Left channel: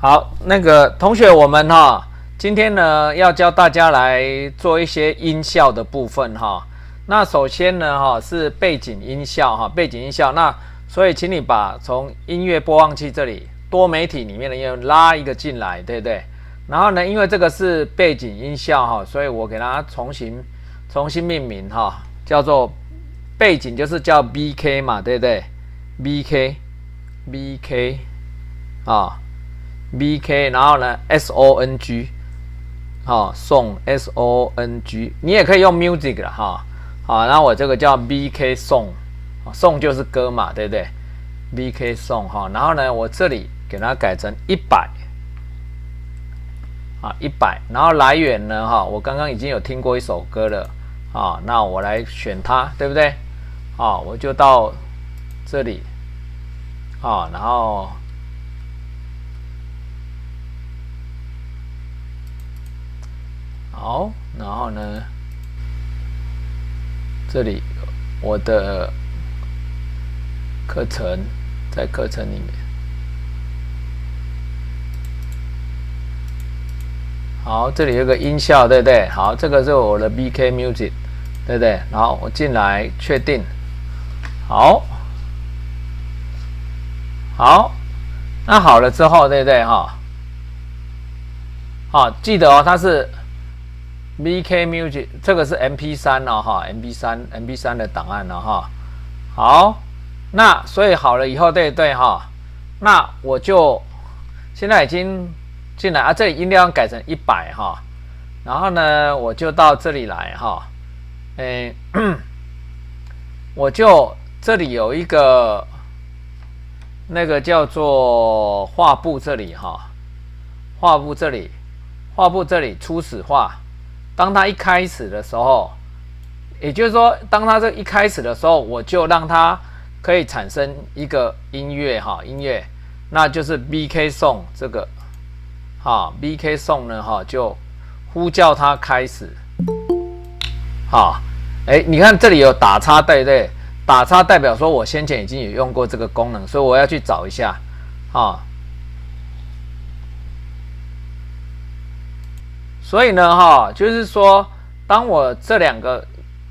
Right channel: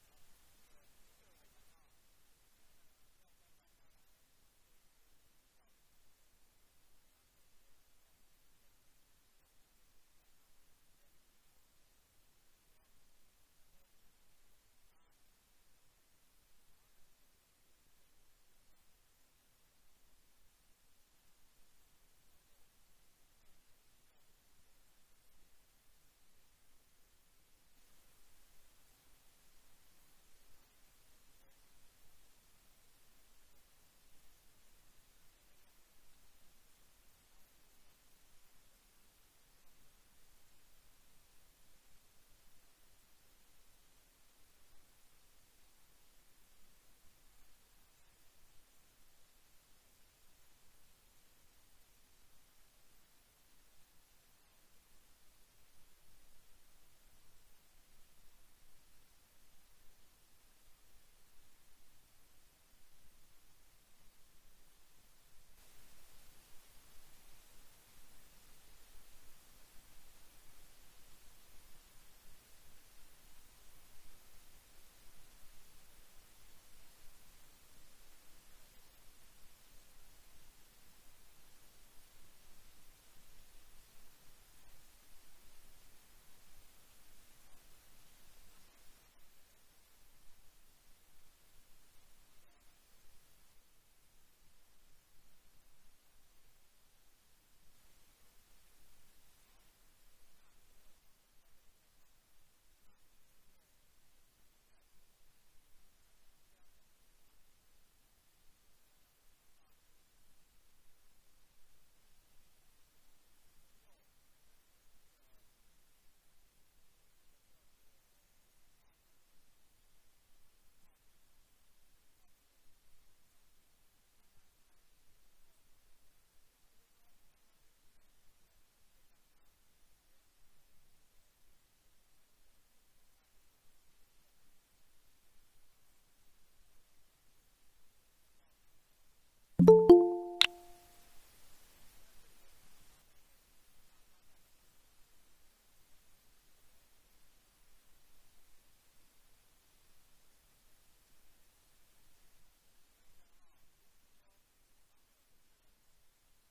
好，那个同学，我们今天呢要教大家来做一些音效的部分那首先呢是背景音效背景音效。那所以请你把从音乐播放器这里多媒体里面的音乐拉一个进来，对不对？然后呢，因为这个是背景音效所以我给它重新命名叫做背景，就是叫 BK 嘛，对不对？BK BK， 然后呢 SONG song SONG， 你也可以用 music 啦然后我这个叫 BK song， 就是歌嘛，对不对？BK song 然后呢，我这里给它改成100100，然后来源呢我刚刚已经有听过一首歌了那我来选它，对不对？我就到这里然后好，然后呢，这里我的课程在课程里面，好，这里有个音效，对不对？好，这个是我的 BK Music， 对不对？然后我进来确定，好，那好了之后，对不对记得它是 BK Music， 这个是 MP3 MP3 的档案好，那所以好了以后，对不对那我就现在已经进来这里音量改成100然后呢，我就到这里来我就这里有一个那个叫做画布这里画布这里初始化。当它一开始的时候，也就是说，当它这一开始的时候，我就让它可以产生一个音乐那就是 BK song 这个BK song 呢就呼叫它开始你看这里有打叉，对不对？打叉代表说我先前已经有用过这个功能，所以我要去找一下所以呢就是说，当我这两个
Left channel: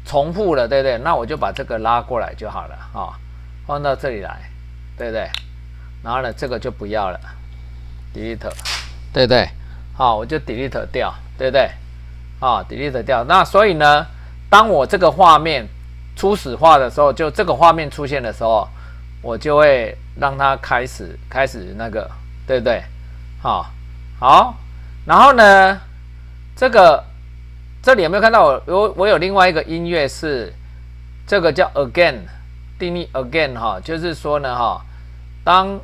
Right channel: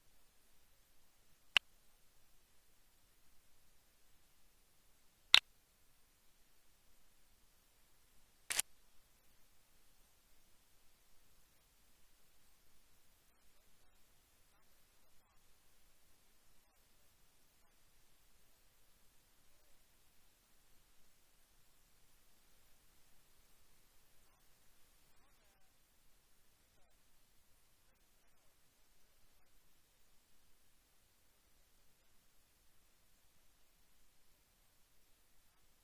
重复了，对不对？那我就把这个拉过来就好了放到这里来，对不对？然后呢，这个就不要了 ，delete， 对不对？我就 delete 掉，对不对？delete 掉。那所以呢，当我这个画面初始化的时候，就这个画面出现的时候，我就会让它开始那个，对不对？好，然后呢？这里有没有看到我有另外一个音乐是这个叫 again 定义 again 就是说呢当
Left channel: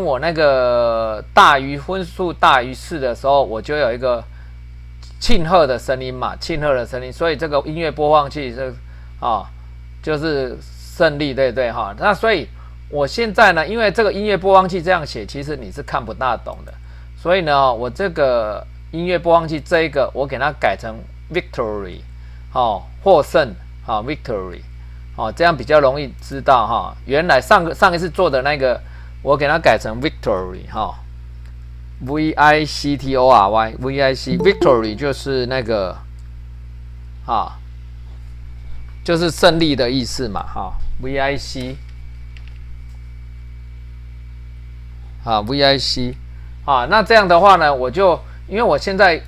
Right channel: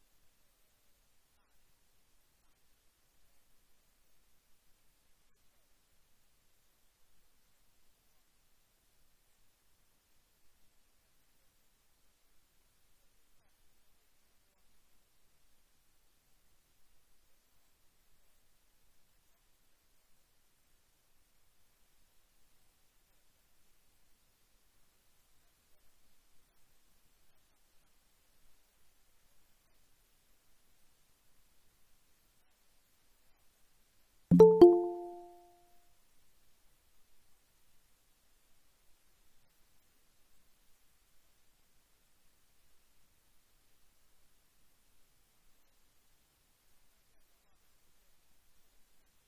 我那个分数大于4的时候，我就有一个庆贺的声音嘛，所以这个音乐播放器是就是胜利，对不对那所以我现在呢，因为这个音乐播放器这样写，其实你是看不大懂的，所以呢，我这个音乐播放器这一个，我给它改成 victory， 获胜victory， 这样比较容易知道原来上一次做的那个，我给它改成 victory victory victory 就是那个就是胜利的意思嘛vic vic 那这样的话呢，我就因为我现在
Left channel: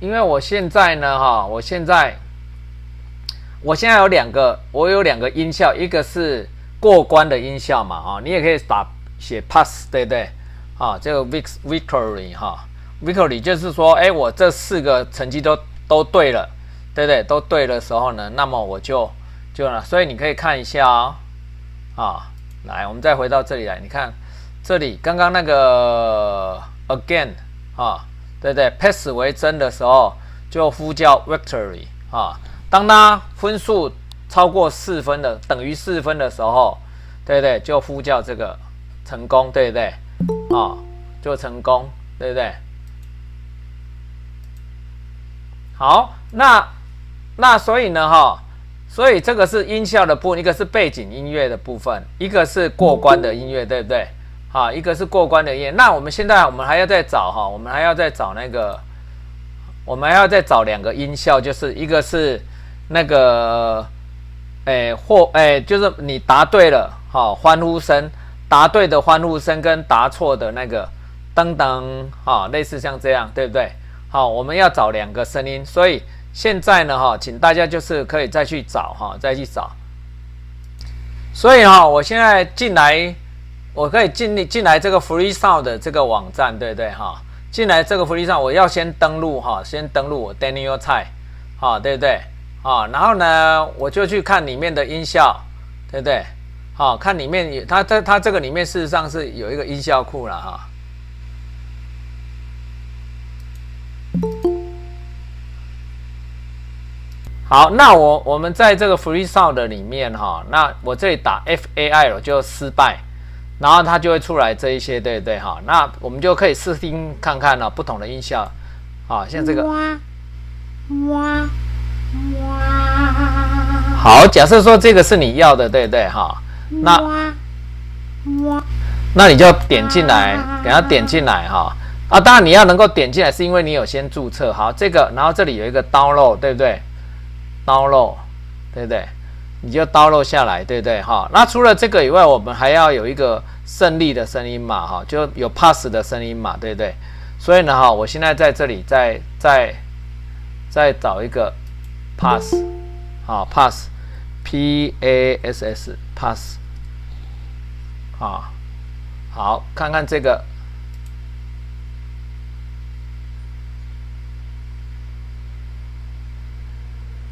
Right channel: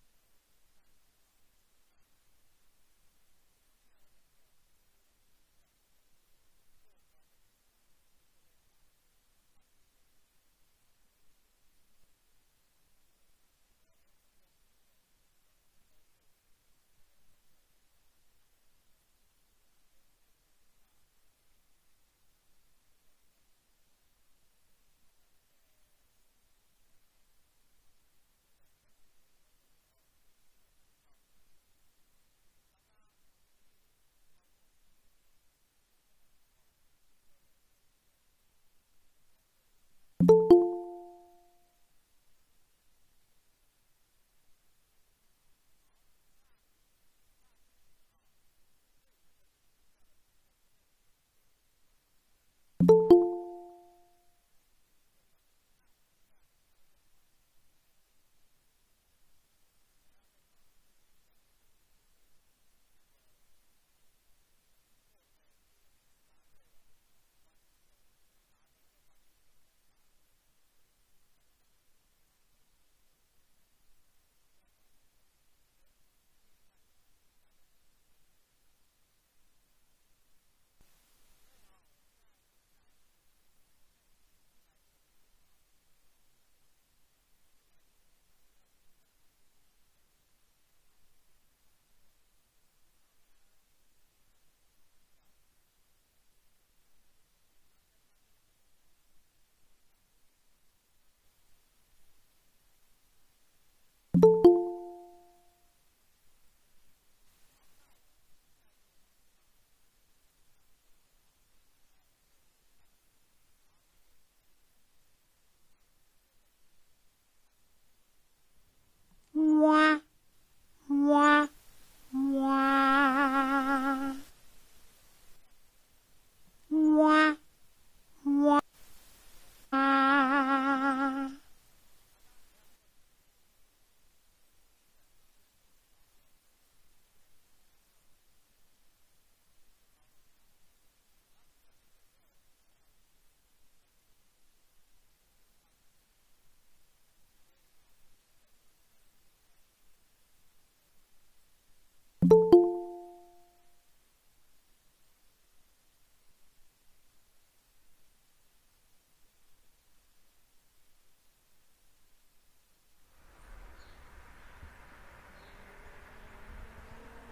因为我现在呢我现在有两个音效，一个是过关的音效嘛你也可以写 pass， 对不对这个 victory 就是说我这4个成绩都对了，对不对？都对的时候呢，那么我就所以你可以看一下来，我们再回到这里来，你看这里刚刚那个 again 对不对 ？pass 为真的时候就呼叫 victory 当它分数超过4分的，等于4分的时候，对不对？就呼叫这个成功，对不对？就成功，对不对？好，那所以呢所以这个是音效的部分，一个是背景音乐的部分，一个是过关的音乐，对不对？好，一个是过关的音乐。那我们现在还要再找哈，我们还要再找那个，我们还要再找2个音效，就是一个是那个，就是你答对了，好，欢呼声，答对的欢呼声跟答错的那个噔噔，哈，类似像这样，对不对？好，我们要找2个声音，所以现在呢，哈，请大家就是可以再去找哈，再去找。所以哈，我现在进来，我可以进来这个 Free Sound 的这个网站，对不对哈？进来这个 Free Sound，我要先登录哈，先登录我 Daniel Tsai， 哈，对不对？啊，然后呢，我就去看里面的音效，对不对？好，看里面它这个里面事实上是有一个音效库了哈。好，那我们在这个 Free Sound 里面哈，那我这里打 FAIL 就失败，然后它就会出来这一些，对不对哈？那我们就可以试听看看了不同的音效，啊，像这个。好，假设说这个是你要的，对不对哈？那你就点进来，给它点进来哈。啊，当然你要能够点进来，是因为你有先注册。好，这个，然后这里有一个 download， 对不对？download， 对不对？你就 download 下来，对不对？哈，那除了这个以外，我们还要有一个胜利的声音嘛，哈，就有 pass 的声音嘛，对不对？所以呢，哈，我现在在这里再找一个 pass， 好 pass，P A S S pass， 啊，好，看看这个。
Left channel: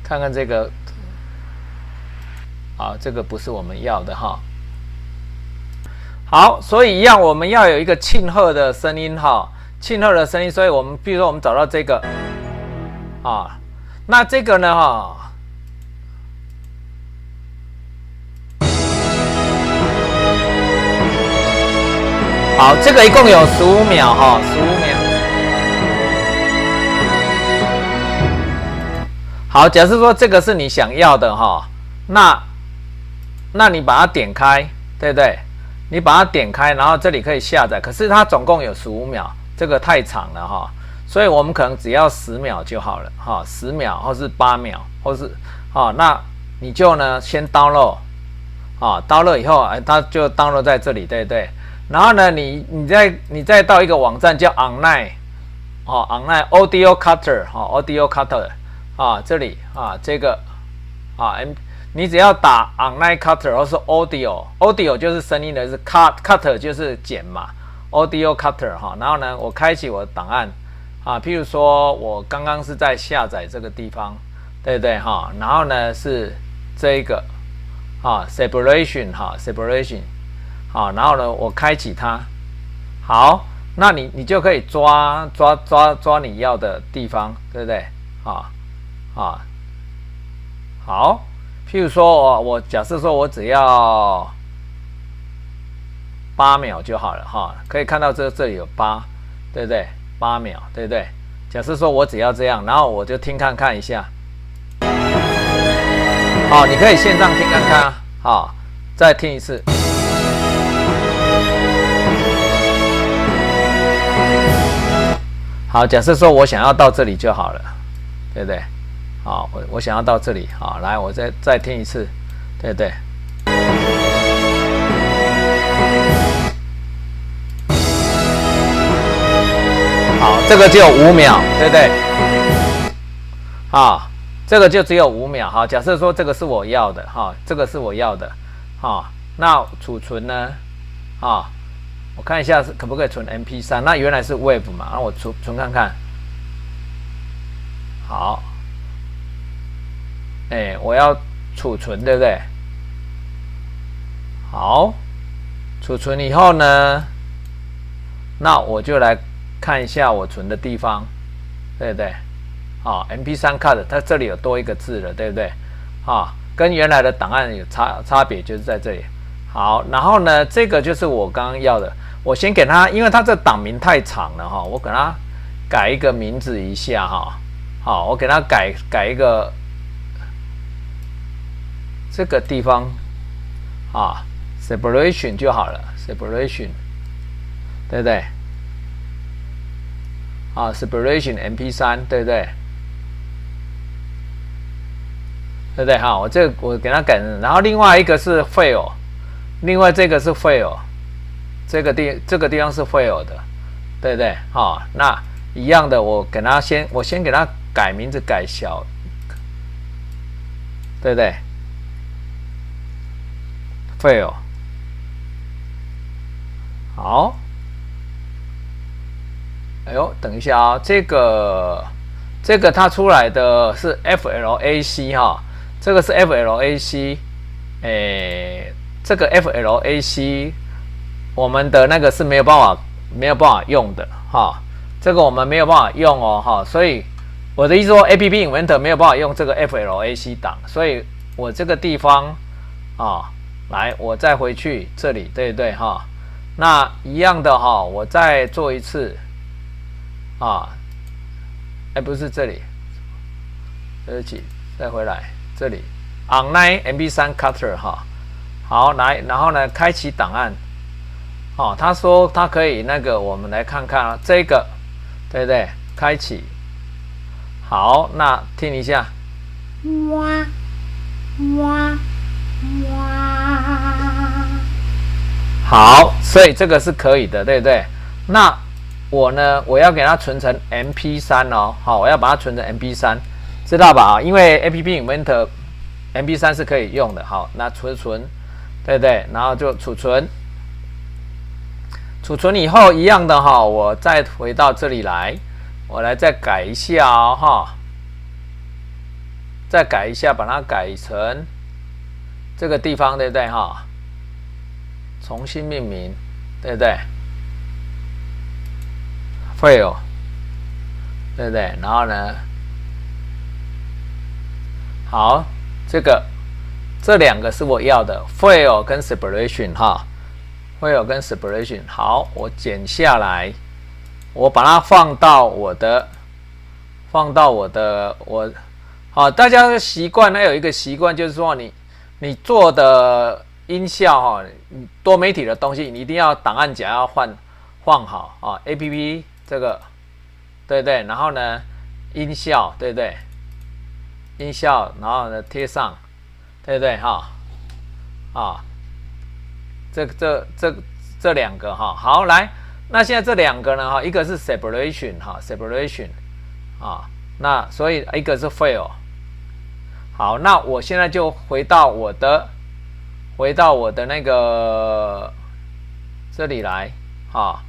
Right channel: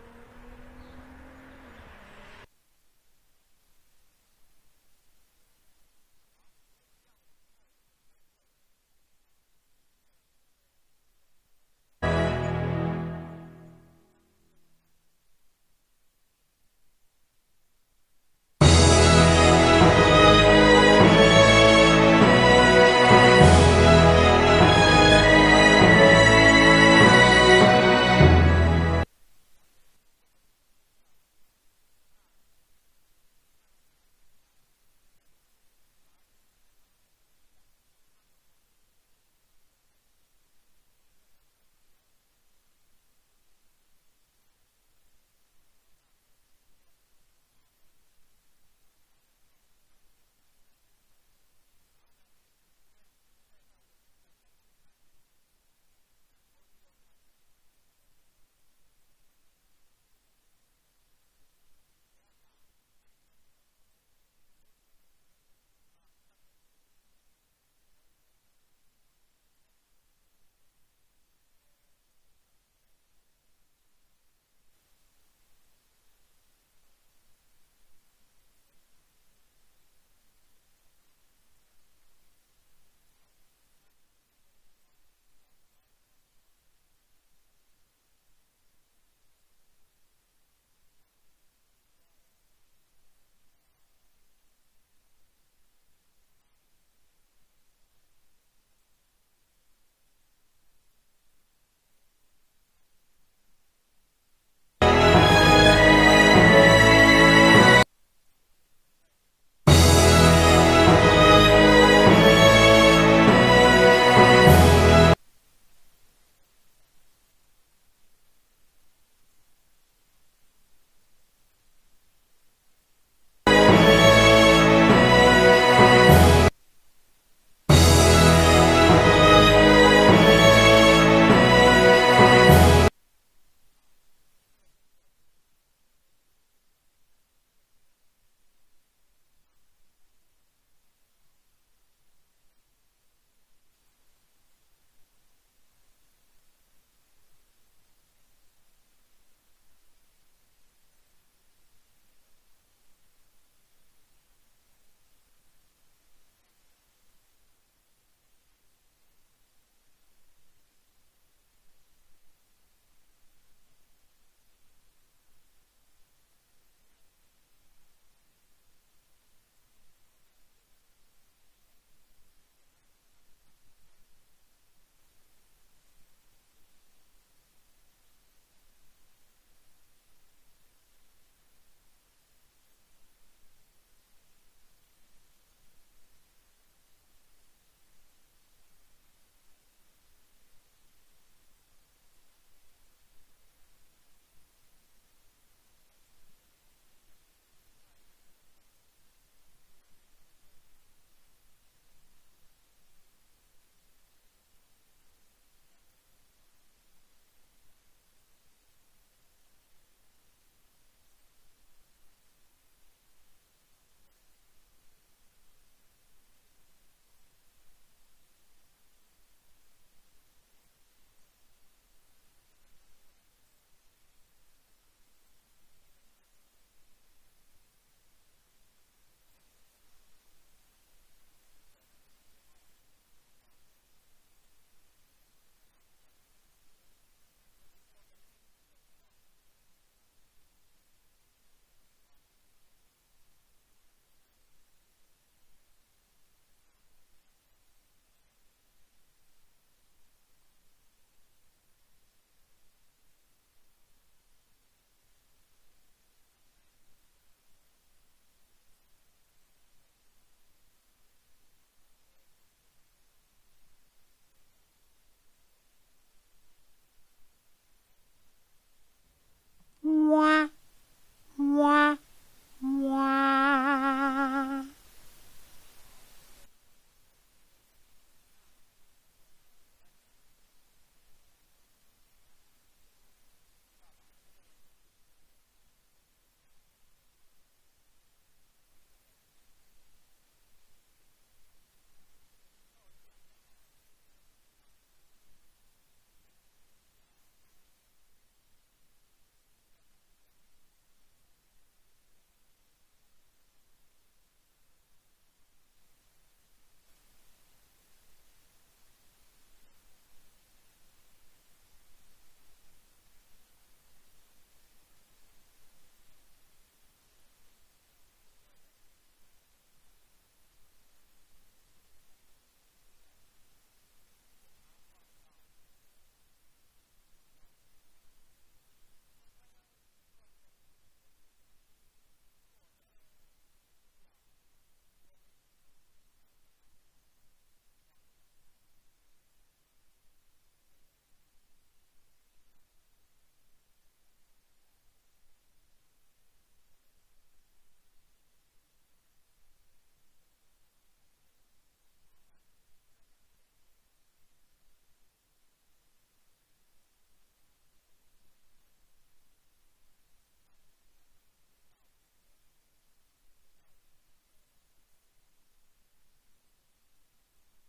看看这个，啊，这个不是我们要的哈。好，所以一样，我们要有一个庆贺的声音哈，庆贺的声音。所以我们比如说我们找到这个，啊，那这个呢哈，好，这个一共有15秒哈，15秒。好，假设说这个是你想要的哈，那你把它点开，对不对？你把它点开，然后这里可以下载，可是它总共有15秒，这个太长了哈，所以我们可能只要10秒就好了哈，10秒或是8秒，或是那你就呢先 download， download 以后，它就 download 在这里，对不对？然后呢，你再到一个网站叫 online， online audio cutter， audio cutter。这里这个你只要打 online cutter 或是 audio 就是声音的，是 cutter 就是剪嘛 ，audio cutter 然后呢，我开启我的档案譬如说我刚刚是在下载这个地方，对不对然后呢是这一个separation separation 然后呢我开启它，好，那你就可以抓你要的地方，对不对好，譬如说我假设说我只要8秒就好了可以看到这里有8，对不对？8秒，对不对？假设说我只要这样，然后我就听看一下，你可以线上听看再听一次。好，假设说我想要到这里就好了，对不对？我想要到这里，来，我再听一次，对不对？好，这个只有5秒，对不对？这个就只有5秒，假设说这个是我要的，这个是我要的，那储存呢，我看一下可不可以存 MP3， 那原来是 Wave 嘛，那我存看看，好。我要储存，对不对？好，储存以后呢，那我就来看一下我存的地方，对不对？MP3 cut 它这里有多一个字了，对不对？跟原来的档案有差别，就是在这里。好，然后呢，这个就是我刚刚要的，我先给它，因为它这档名太长了我给它改一个名字一下我给它改一个。这个地方啊 ，separation 就好了 ，separation， 对不对？啊 ，separation MP3， 对不对？对不对？哈，我给它改成，然后另外一个是 fail， 另外这个是 fail， 这个地方是 fail 的，对不对？哈，那一样的，我先给它改名字改小，对不对 ？fail， 好，哎呦，等一下啊，这个它出来的是 FLAC 哈。这个是 FLAC， 这个 FLAC 我们的那个是没有办法用的哈，这个我们没有办法用哦哈，所以我的意思说 App Inventor 没有办法用这个 FLAC 档，所以我这个地方啊，来我再回去这里，对不对哈？那一样的哈，我再做一次啊，不是这里，对不起，再回来。这里 online MP3 cutter 哈，好来，然后呢，开启档案，哦，他说他可以那个，我们来看看啊，这个对不对？开启，好，那听一下，哇哇哇，好，所以这个是可以的，对不对？那我呢，我要给它存成 MP3 哦，好，我要把它存成 MP3。知道吧？因为 App Inventor MP3 是可以用的。好，那储存，对不对？然后就储存，储存以后一样的哈，我再回到这里来，我来再改一下哦哈，再改一下，把它改成这个地方，对不对哈？重新命名，对不对 ？Fail， 对不对？然后呢？好，这两个是我要的 ，fail 跟 separation 哈 ，fail 跟 separation。好，我剪下来，我把它放到我的，好，大家的习惯呢有一个习惯就是说你做的音效哈，多媒体的东西你一定要档案夹要换好啊 ，APP 这个，对不对？然后呢，音效对不对？音效，然后呢贴上，对不对哈？啊，这两个哈，好来，那现在这两个呢哈，一个是 separation 哈 ，separation 啊，那所以一个是 fail。好，那我现在就回到我的那个这里来啊，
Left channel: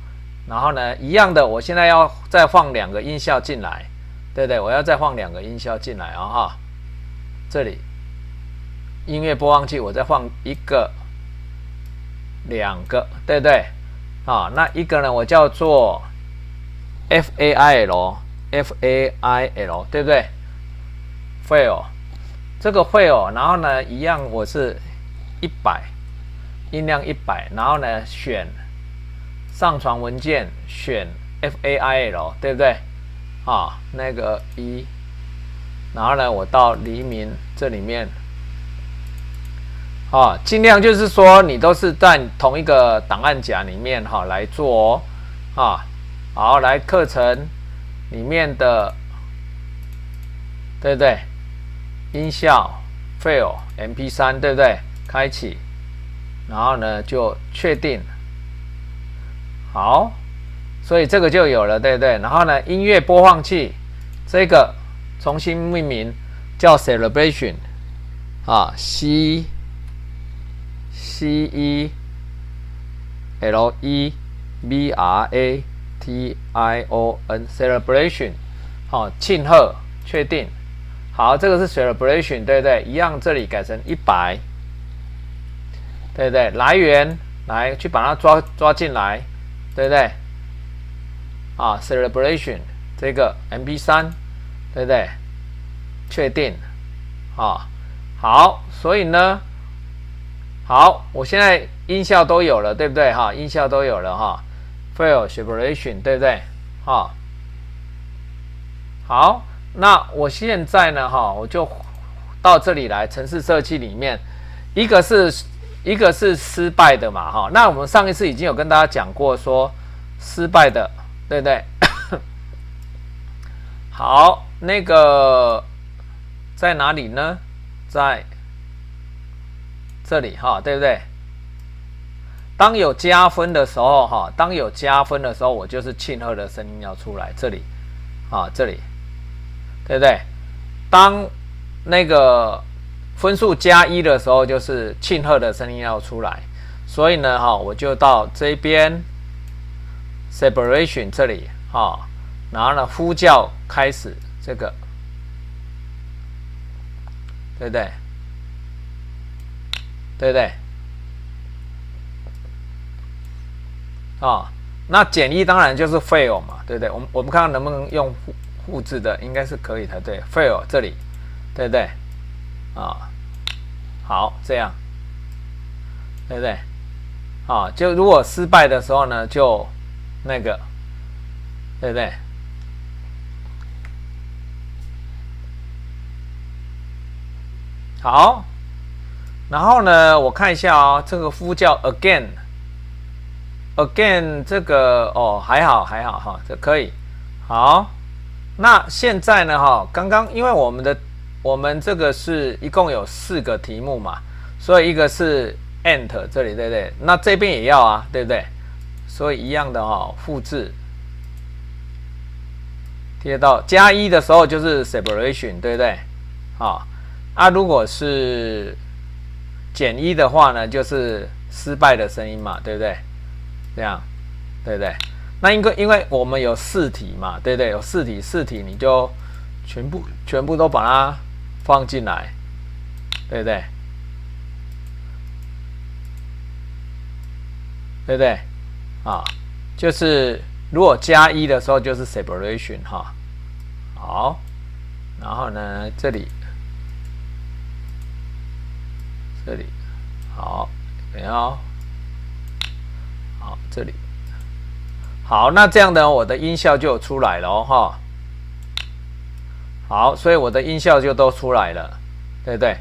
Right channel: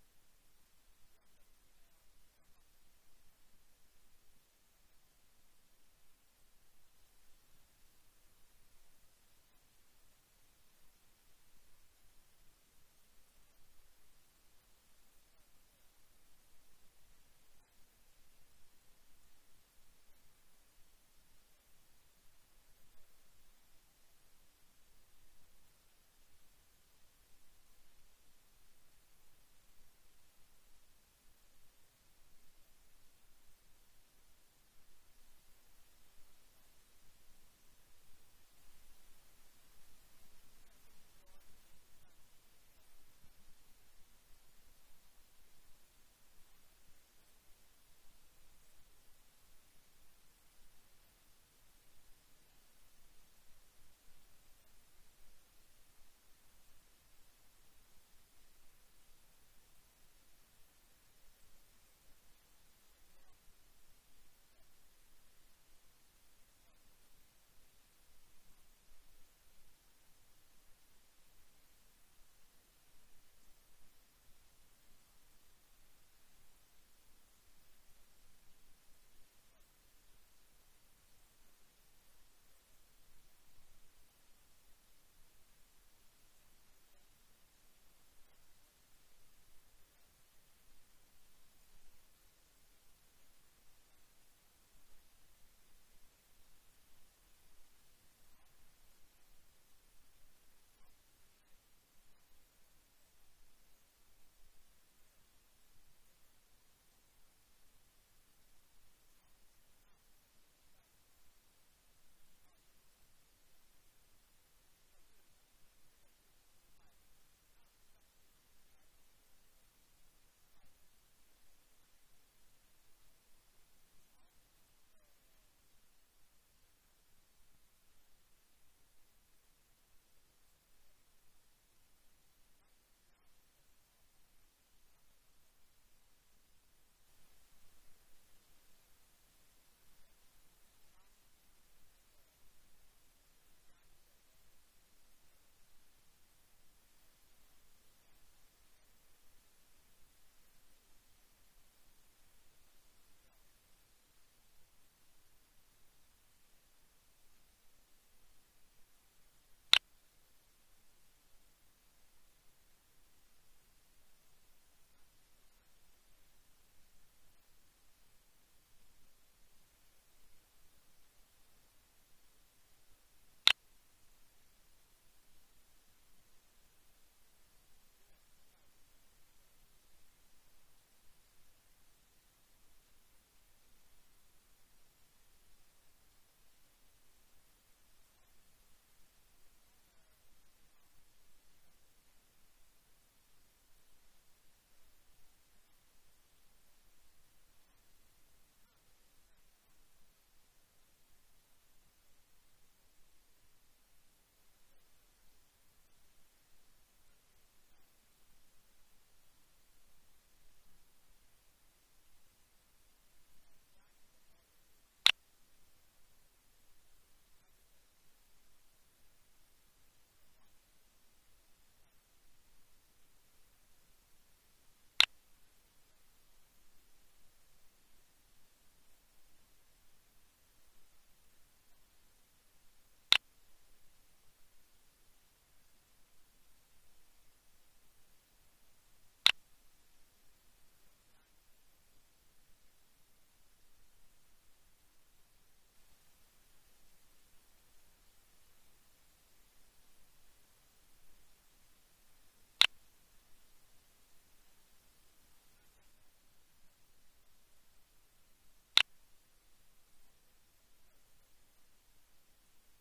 然后呢一样的，我现在要再放两个音效进来。对不对？我要再放两个音效进来啊哈，这里音乐播放器我再放一个、两个，对不对？啊，那一个呢，我叫做 FAIL， 对不对 ？fail， 这个 fail， 然后呢，一样我是100，音量100，然后呢选上传文件，选 FAIL， 对不对？啊，那个1，然后呢，我到黎明这里面，啊，尽量就是说你都是在同一个档案夹里面哈来做哦，啊，好，来课程里面的，对不对？音效 fail MP3， 对不对？开启，然后呢就确定，好。所以这个就有了，对不对？然后呢，音乐播放器这个重新命名叫 Celebration 啊 ，C E L E B R A T I O N Celebration， 好，庆贺，确定。好，这个是 Celebration， 对不对？一样，这里改成100，对不对？来源来去把它抓进来，对不对？啊 ，celebration 这个 MP3， 对不对？确定，啊，好，所以呢，好，我现在音效都有了，对不对？哈，音效都有了哈 ，fail separation， 对不对？哈，好，那我现在呢，哈，我就到这里来，程式设计里面，一个是失败的嘛，哈。那我们上一次已经有跟大家讲过说失败的，对不对？好，那个在哪里呢？在这里哈，对不对？当有加分的时候哈，当有加分的时候，我就是庆贺的声音要出来，这里啊，这里，对不对？当那个分数加1的时候，就是庆贺的声音要出来。所以呢，哈，我就到这边 separation 这里哈，然后呢，呼叫开始这个，对不对？对不对？那减1当然就是 fail 嘛，对不对？我们看看能不能用复制的，应该是可以的，对 ，fail 这里，对不对？好，这样，对不对？就如果失败的时候呢，就那个，对不对？好，然后呢，我看一下哦，这个呼叫 again 这个还好哈，这可以。好，那现在呢哈，刚刚因为我们这个是一共有4个题目嘛，所以一个是 enter 这里，对不对？那这边也要啊，对不对？所以一样的哈，复制贴到加1的时候就是 separation， 对不对？如果是减1的话呢，就是失败的声音嘛，对不对？这样，对不对？那因为我们有4题嘛，对不对？有4题你就全部都把它放进来，对不对？对不对？就是如果加1的时候就是 separation 哈。好，然后呢这里好，没有。好，这里好，那这样呢，我的音效就出来了哈。好，所以我的音效就都出来了，对不对？